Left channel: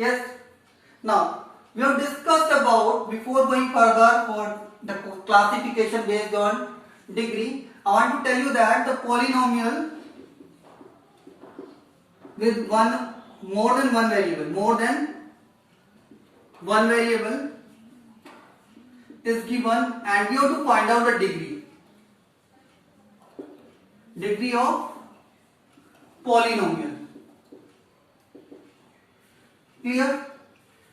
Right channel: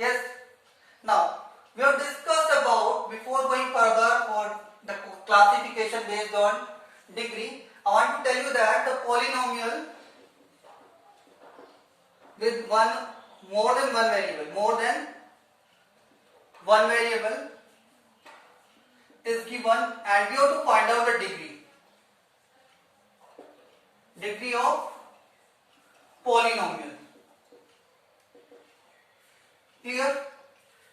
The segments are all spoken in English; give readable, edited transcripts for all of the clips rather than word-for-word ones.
Yes. Now we have discussed about, before going further for the classification based on degree, I want to tell you that the polynomial with more than one variable is given, and we have to find out the degree of polynomial. Clear?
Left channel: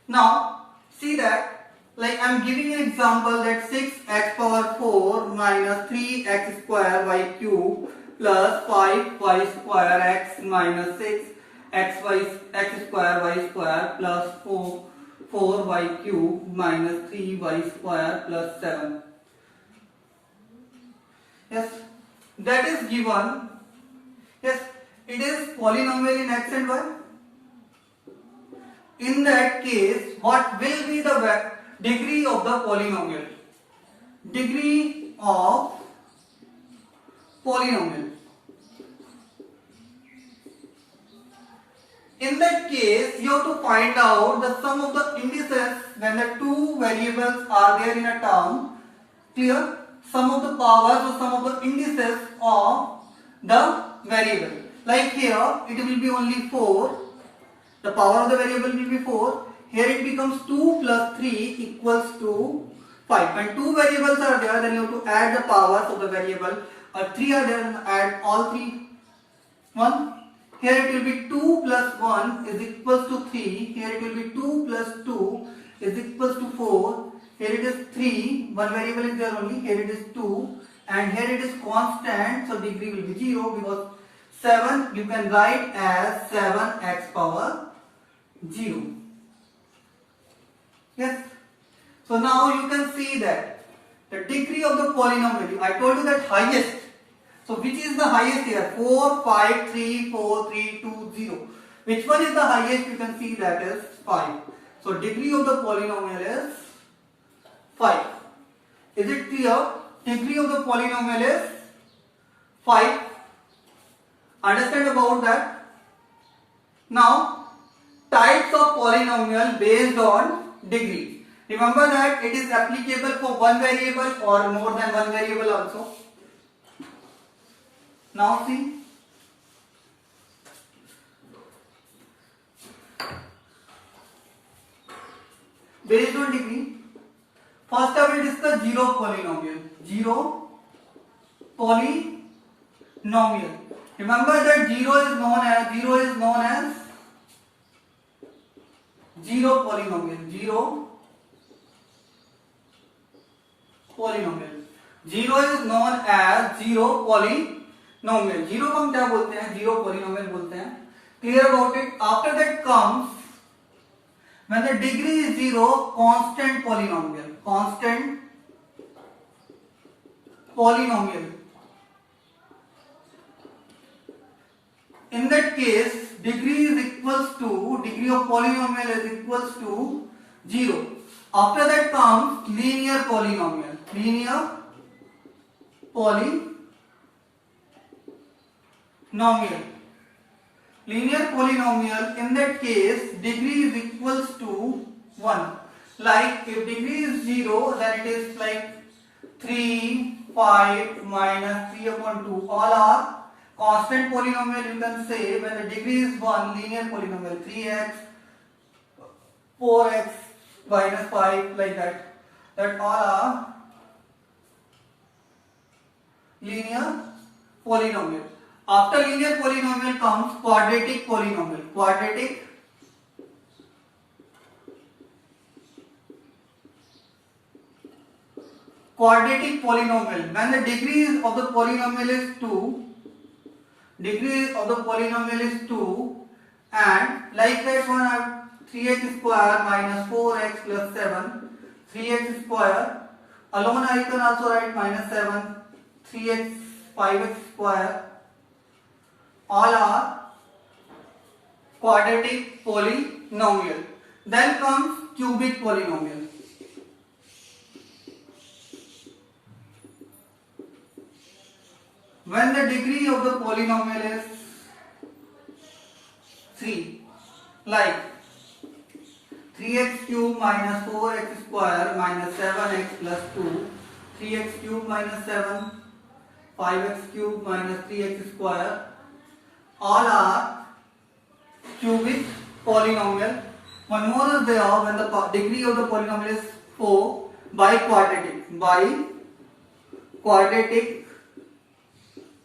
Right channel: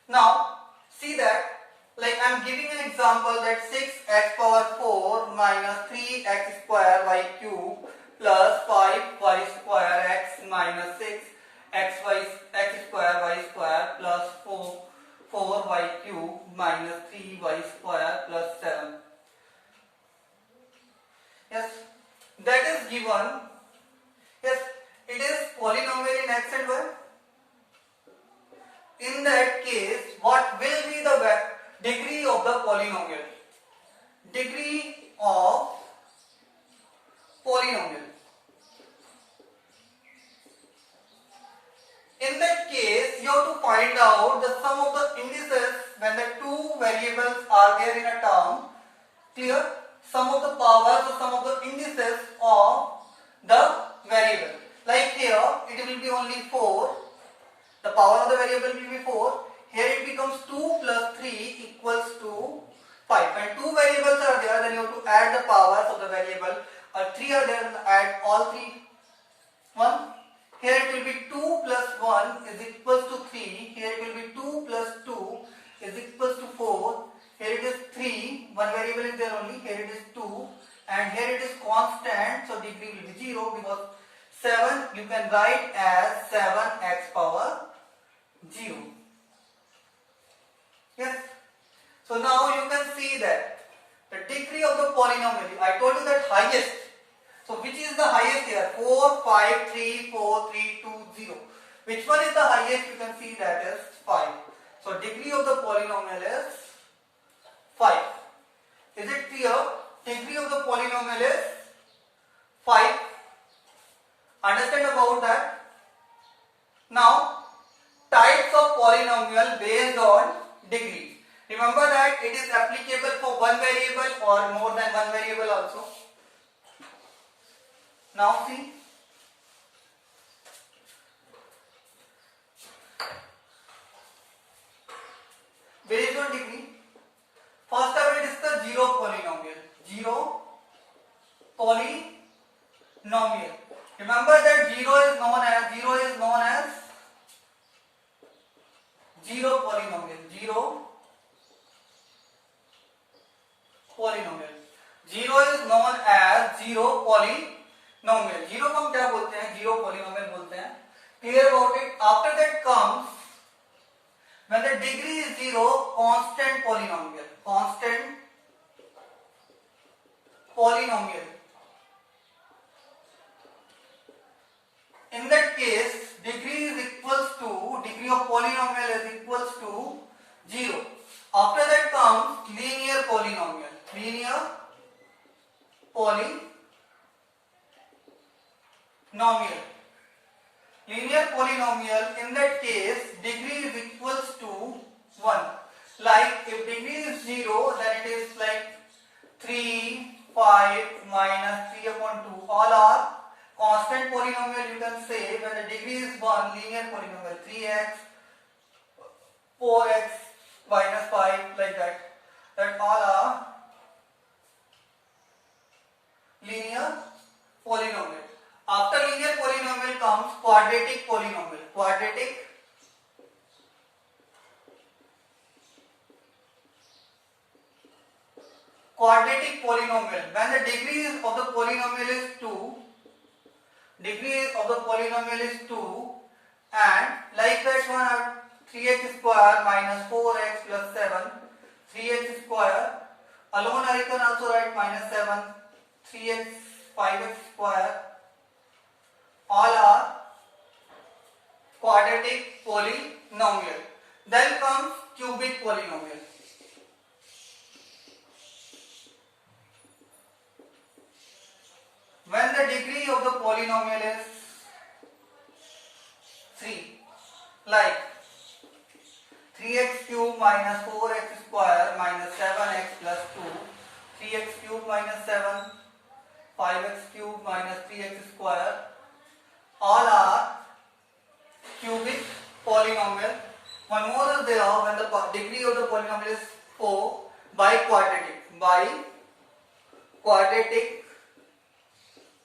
Now see that, like I am giving an example that 6x power 4 minus 3x square y cube plus 5y square x minus 6 x square y square plus 4y cube minus 3y square plus 7. Yes, that is given. Yes, it is polynomial in x and y. In that case, what will be the degree of the polynomial? Degree of polynomial. In that case, you have to find out the sum of the indices when the two variables are there in a term. Clear? Sum of the powers or sum of the indices of the variable. Like here, it will be only 4. The power of the variable will be 4. Here it becomes 2 plus 3 equals to 5. When two variables are there, then you have to add the powers of the variable. Or 3 are there, then add all 3. 1. Here it will be 2 plus 1 is equals to 3. Here it will be 2 plus 2 is equals to 4. Here it is 3. One variable is there only. Here it is 2. And here it is constant. So degree will be 0, because 7 you can write as 7x power 0. Yes. So now you can see that the degree of the polynomial, I told you that highest. So which is the highest here? 4, 5, 3, 4, 3, 2, 0. Which one is the highest? You can see that is 5. So degree of the polynomial is 5. Is it clear? Degree of the polynomial is 5. Understand about that? Now, types of polynomial based on degree. Remember that it is applicable for one variable or more than one variable also. Now see. Based on degree. First I will discuss zero polynomial. Zero polynomial. Remember that zero is known as zero polynomial. Zero polynomial. Zero is known as zero polynomial. Zero को हम क्या बोलते हैं? Zero polynomial बोलते हैं. Clear about it? After that comes, when the degree is zero, constant polynomial. Constant polynomial. In that case, degree is equals to, degree of polynomial is equals to 0. After that comes linear polynomial. Linear polynomial. Linear polynomial, in that case, degree is equals to 1. Like if degree is 0, then it is like 3, 5 minus 3 upon 2. All are constant polynomial. You can say when the degree is 1, linear polynomial, 3x, 4x minus 5, like that. That all are linear polynomial. After linear polynomial comes quadratic polynomial. Quadratic polynomial. When the degree of the polynomial is 2, and like that one are 3x square minus 4x plus 7, 3x square. Alone I can also write minus 7, 3x, 5x square. All are quadratic polynomial. Then comes cubic polynomial. When the degree of the polynomial is 3, like 3x cube minus 4x square minus 7x plus 2, 3x cube minus 7, 5x cube minus 3x square, all are cubic polynomial. One more is there, when the degree of the polynomial is 4, by quadratic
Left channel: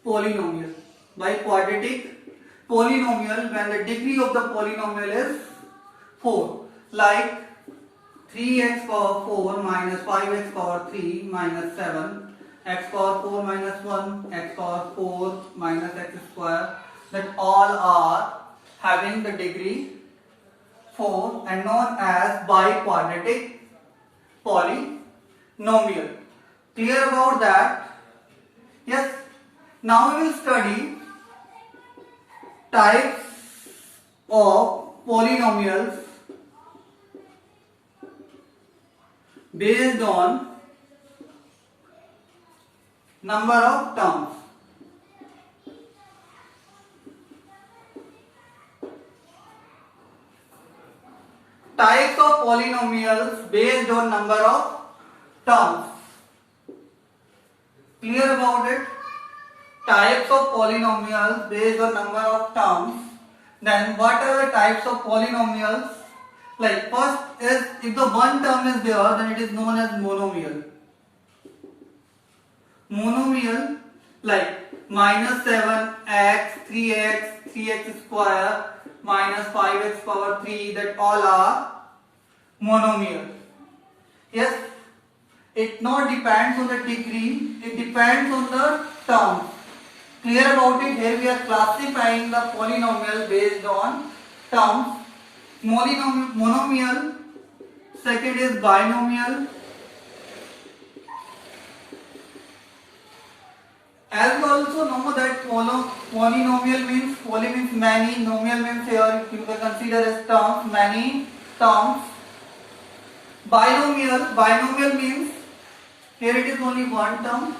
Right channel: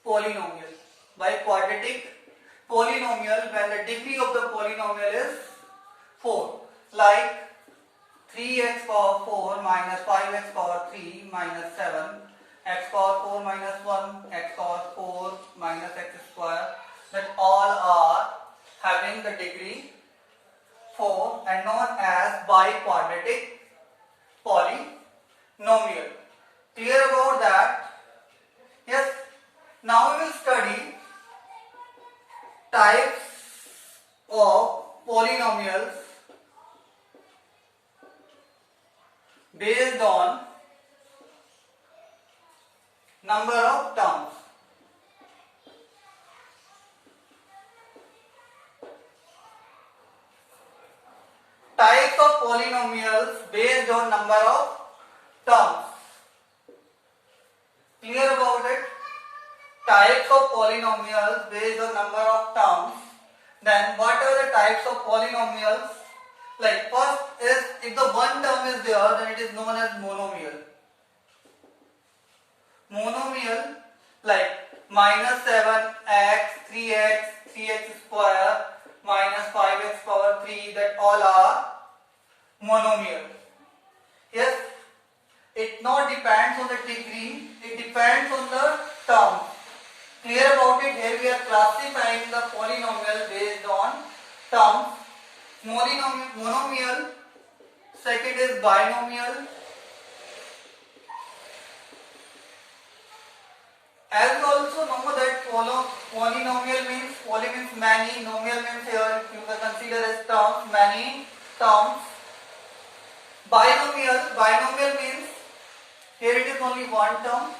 polynomial. By quadratic polynomial, when the degree of the polynomial is 4, like 3x power 4 minus 5x power 3 minus 7, x power 4 minus 1, x power 4 minus x square, that all are having the degree 4 and known as biquadratic polynomial. Clear about that? Yes. Now we will study types of polynomials based on number of terms. Types of polynomials based on number of terms. Clear about it? Types of polynomials based on number of terms. Then what are the types of polynomials? Like first is, if the one term is there, then it is known as monomial. Monomial, like minus 7x, 3x, 3x square, minus 5x power 3, that all are monomial. Yes, it not depends on the degree, it depends on the terms. Clear about it? Here we are classifying the polynomial based on terms. Monomial, second is binomial. As we also know that polynomial means, poly means many, nomial means here you can consider as terms, many terms. Binomial means here it is only one term,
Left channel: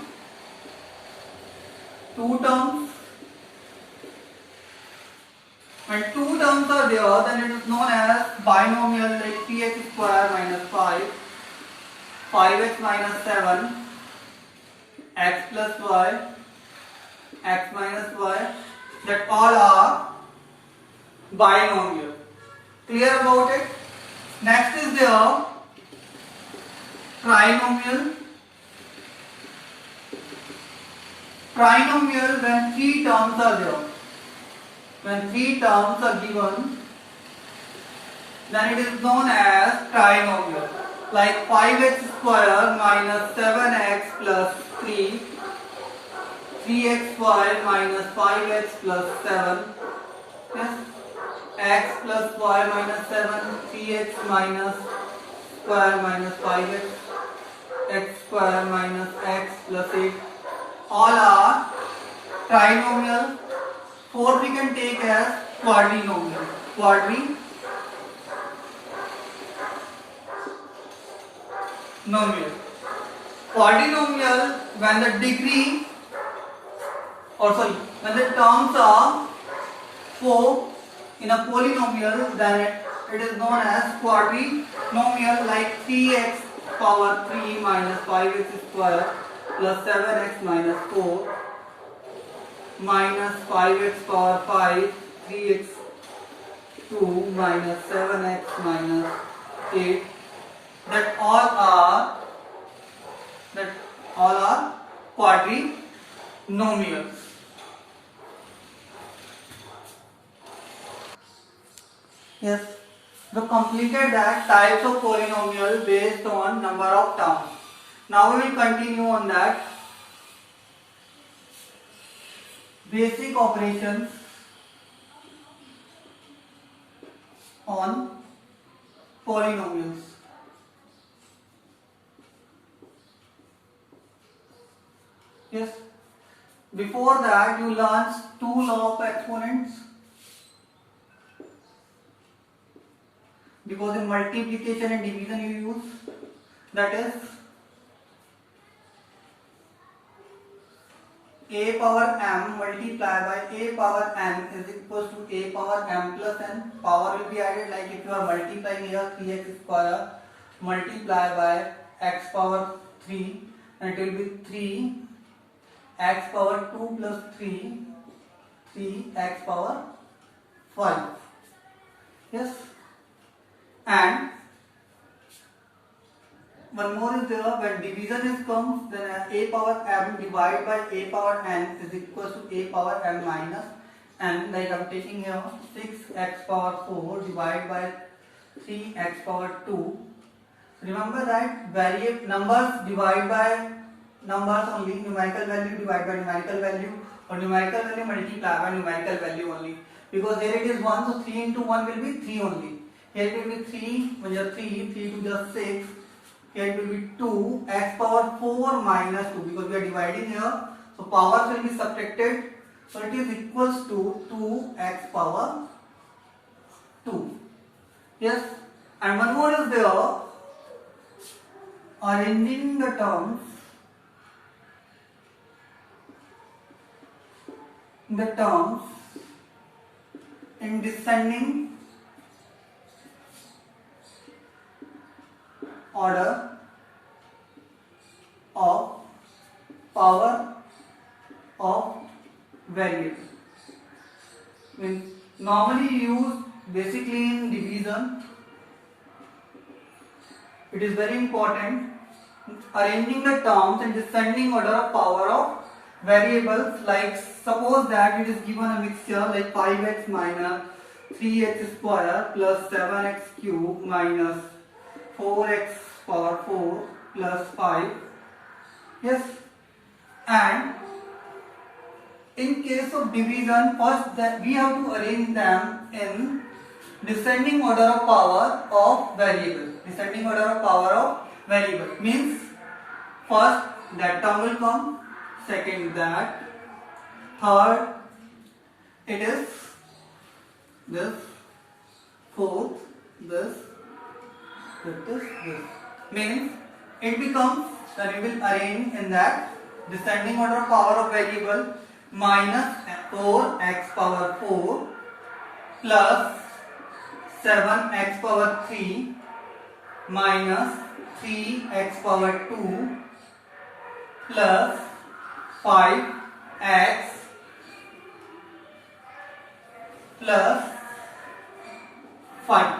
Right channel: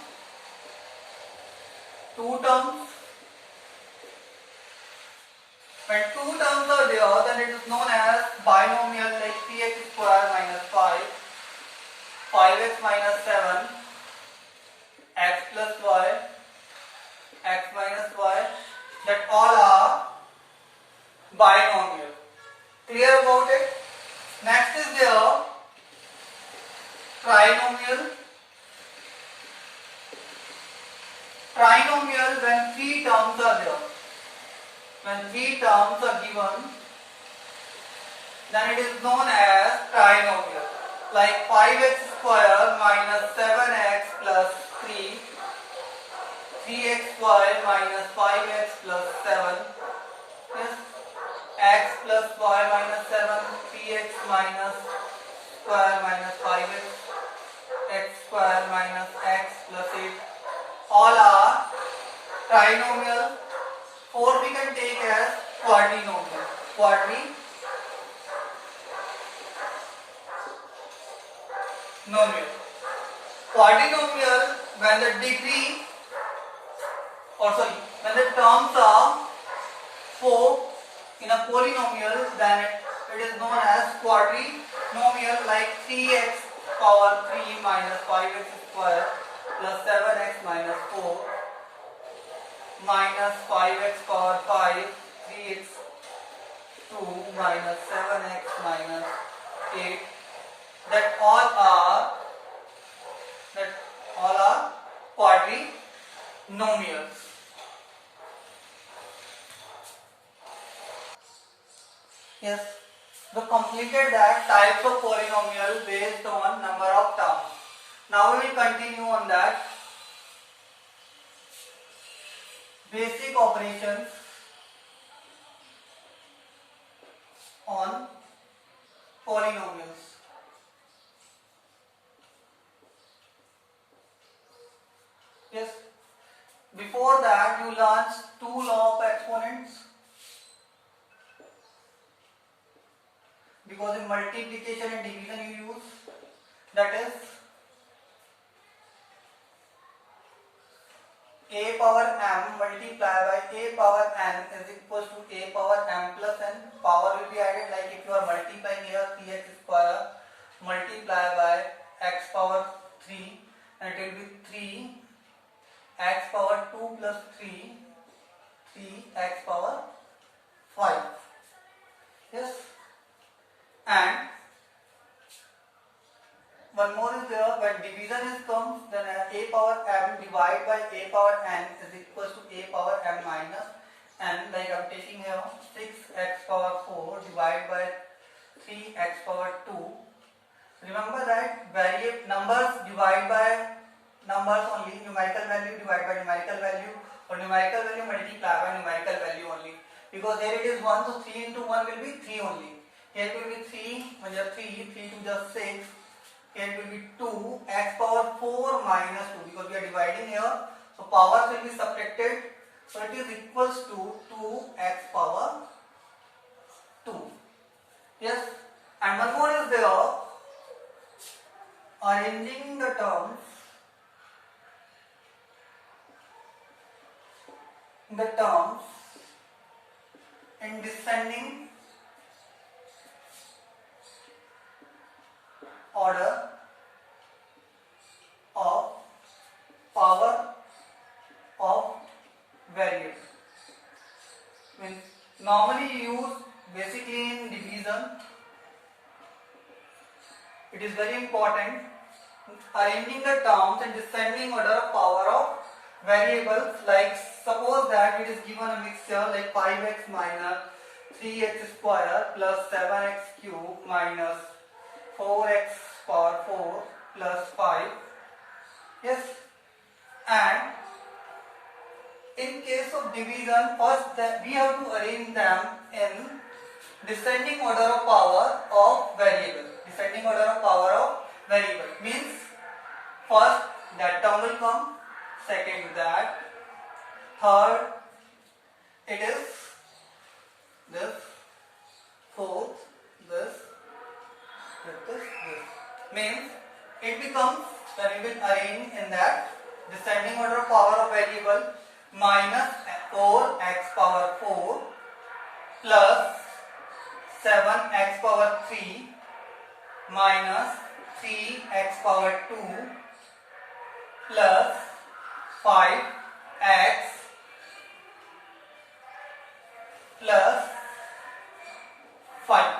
two terms. When two terms are there, then it is known as binomial, like 3x square minus 5, 5x minus 7, x plus y, x minus y, that all are binomial. Clear about it? Next is there trinomial. Trinomial, when three terms are there. When three terms are given, then it is known as trinomial. Like 5x square minus 7x plus 3, 3xy minus 5x plus 7, yes, x plus y minus 7, 3x minus square minus 5x, x square minus x plus 8. All are trinomial. Four we can take as quadrinomial. Quadrinomial, when the degree, when the terms are 4 in a polynomial, then it is known as quadrinomial, like 3x power 3 minus 5x square plus 7x minus 4 minus 5x power 5, 3x 2 minus 7x minus 8, that all are quadrinomials. Yes, we completed that types of polynomial based on number of terms. Now we will continue on that. Basic operations on polynomials. Yes, before that you learned two law of exponents, because in multiplication and division you use, that is a power m multiply by a power n is equals to a power m plus n. Power will be added, like if you are multiplying here 3x square multiply by x power 3, and it will be 3x power 2 plus 3x power 5. Yes, and one more is there, when division is comes, then a power m divided by a power n is equals to a power m minus n. Like I'm taking here 6x power 4 divided by 3x power 2. Remember that variable numbers divide by numbers only, numerical value divide by numerical value, or numerical value multiply by numerical value only. Because here it is 1, so 3 into 1 will be 3 only. Here it will be 3, when you are 3 to the 6. Here it will be 2 x power 4 minus 2, because we are dividing here, so powers will be subtracted, so it is equals to 2x power 2. Yes, and one more is there, arranging the terms in descending order of power of variable. Means normally used basically in division. It is very important. Arranging the terms in descending order of power of variables, like suppose that it is given a mixture like 5x minus 3x square plus 7x cube minus 4x power 4 plus 5. Yes, and in case of division, first that we have to arrange them in descending order of power of variable. Descending order of power of variable means first that term will come, second that, third it is this, fourth this, fifth is this. Means it becomes, then we will arrange in that descending order of power of variable, minus 4x power 4 plus 7x power 3 minus 3x power 2 plus 5x plus 5.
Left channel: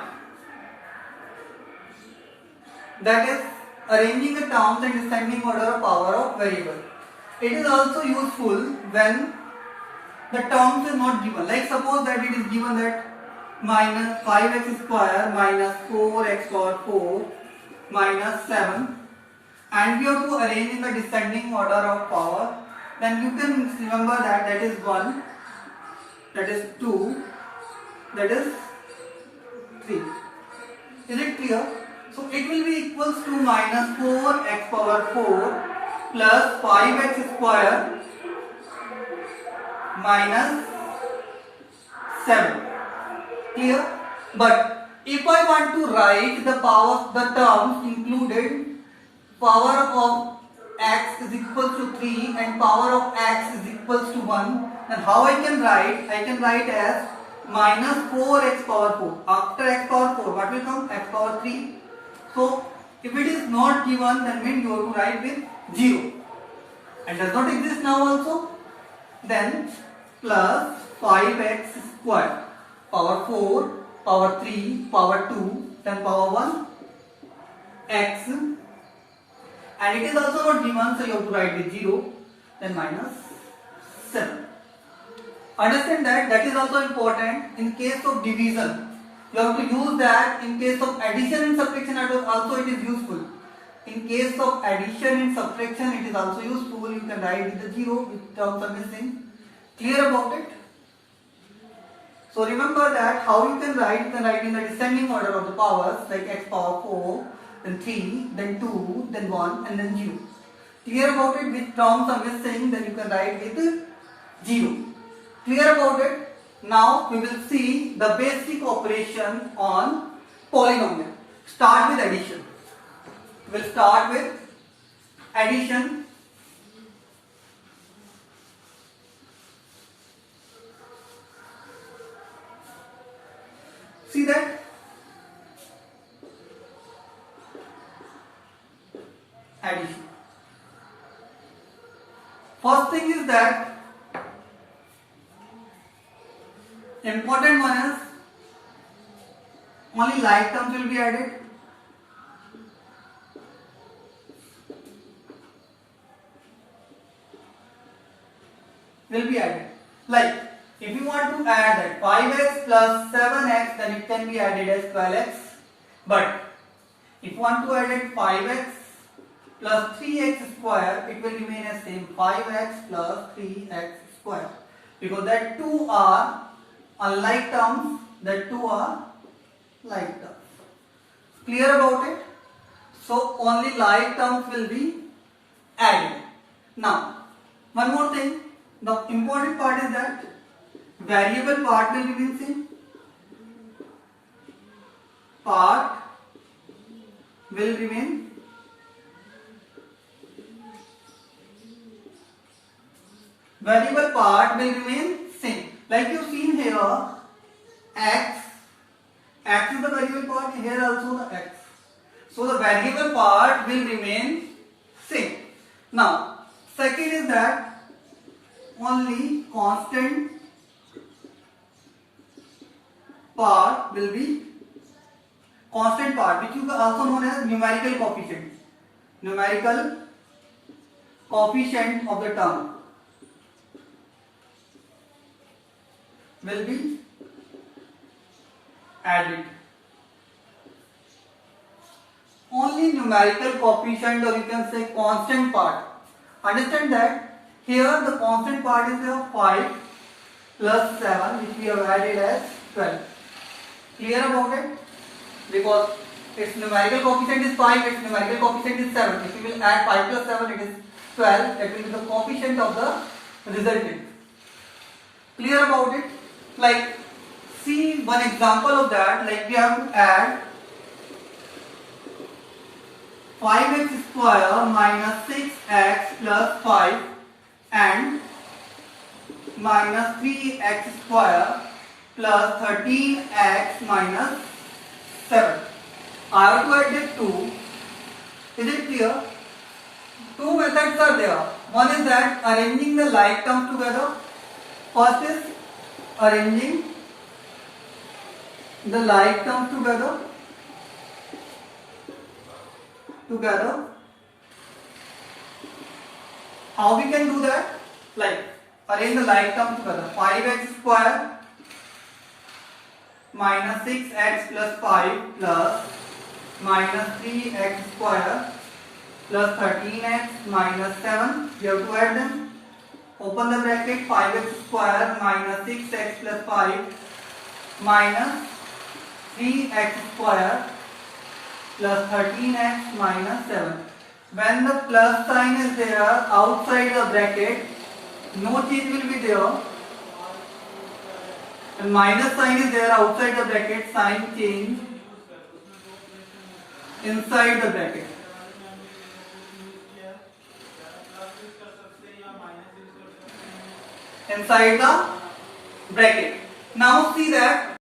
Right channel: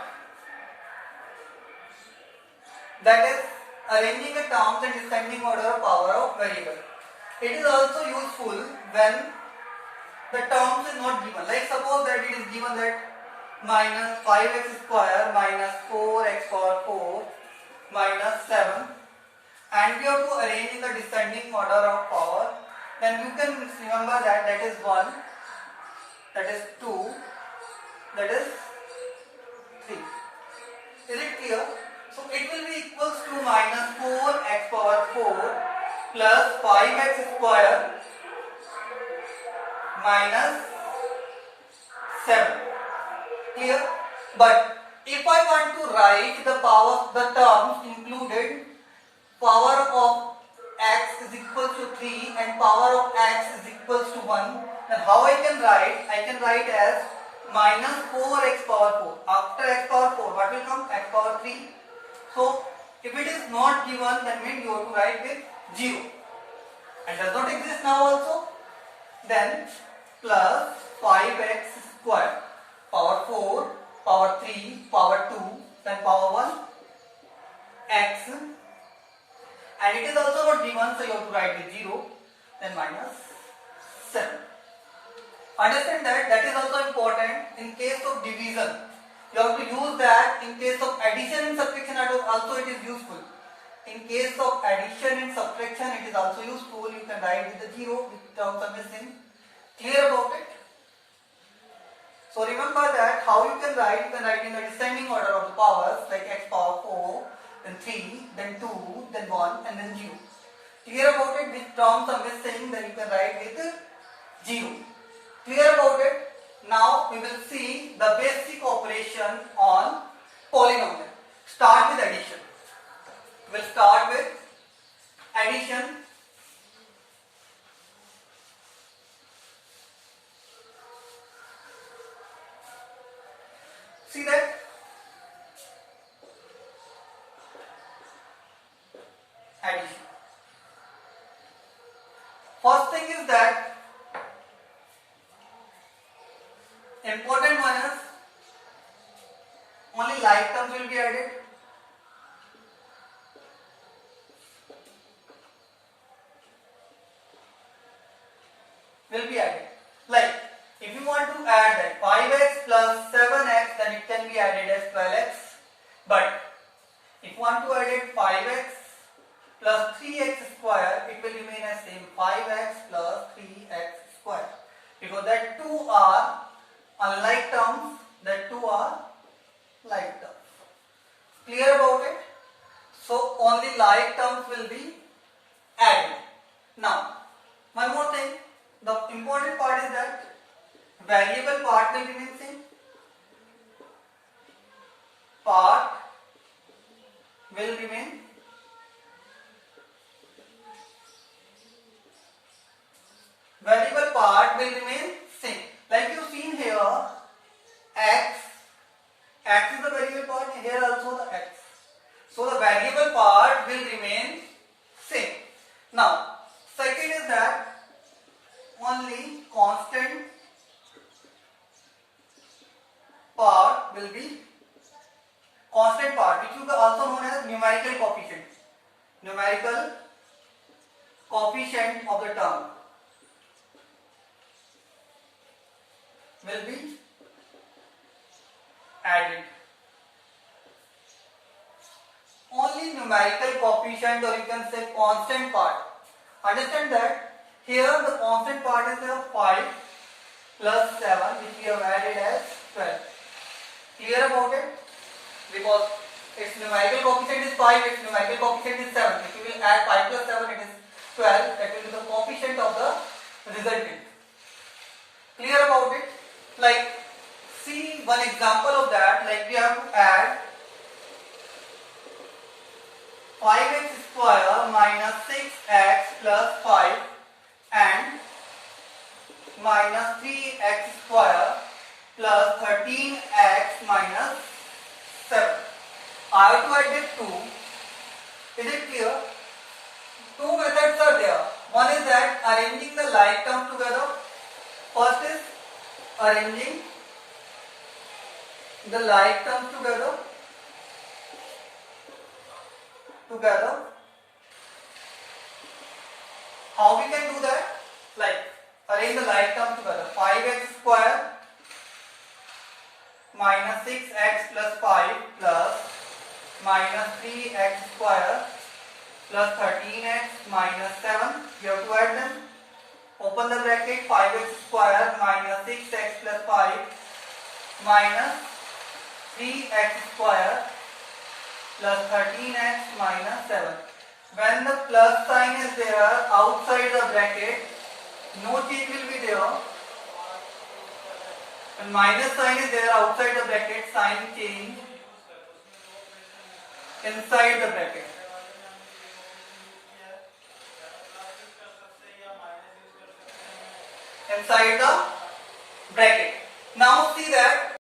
That is arranging the terms in descending order of power of variable. It is also useful when the terms is not given. Like suppose that it is given that minus 5x square minus 4x power 4 minus 7, and we have to arrange in the descending order of power. Then you can remember that that is 1, that is 2, that is 3. Is it clear? So it will be equals to minus 4x power 4 plus 5x square minus 7. Clear? But if I want to write the power, the terms included, power of x is equals to 3 and power of x is equals to 1, then how I can write? I can write as minus 4x power 4. After x power 4, what will come? X power 3. So if it is not given, that means you have to write with 0. And does not exist now also. Then plus 5x square, power 4, power 3, power 2, then power 1, x. And it is also not given, so you have to write with 0, then minus 7. Understand that that is also important in case of division. You have to use that. In case of addition and subtraction also it is useful. In case of addition and subtraction it is also useful. You can write with the 0 with terms are missing. Clear about it? So remember that how you can write in the descending order of the powers, like x power 4, then 3, then 2, then 1 and then 0. Clear about it? Which terms are missing, then you can write with 0. Clear about it? Now we will see the basic operation on polynomial. Start with addition. We will start with addition. See that? Addition. First thing is that important one is only like terms will be added. Will be added. Like if you want to add that 5x plus 7x, then it can be added as 12x. But if you want to add it 5x plus 3x square, it will remain as same 5x plus 3x square, because that two are unlike terms, that two are like terms. Clear about it? So only like terms will be added. Now one more thing, the important part is that variable part will remain same. Part will remain variable part will remain same. Like you've seen here, x is the variable part, here also the x. So the variable part will remain same. Now, second is that only constant part will be constant part, which is also known as numerical coefficient. Numerical coefficient of the term will be added. Only numerical coefficient, or you can say constant part. Understand that here the constant part is 5 plus 7, which we have added as 12. Clear about it? Because its numerical coefficient is 5, its numerical coefficient is 7. If we will add 5 plus 7, it is 12. That will be the coefficient of the resultant. Clear about it? Like, see one example of that. Like we have to add 5x square minus 6x plus 5 and minus 3x square plus 13x minus 7. I have to add the 2. Is it clear? Two methods are there. One is that arranging the like terms together. First is arranging the like terms together. How we can do that? Like arrange the like terms together. 5x square minus 6x plus 5 plus minus 3x square plus 13x minus 7. You have to add them. Open the bracket. 5x square minus 6x plus 5 minus 3x square plus 13x minus 7. When the plus sign is there outside the bracket, no change will be there. And minus sign is there outside the bracket, sign change inside the bracket. Inside the bracket. Now see that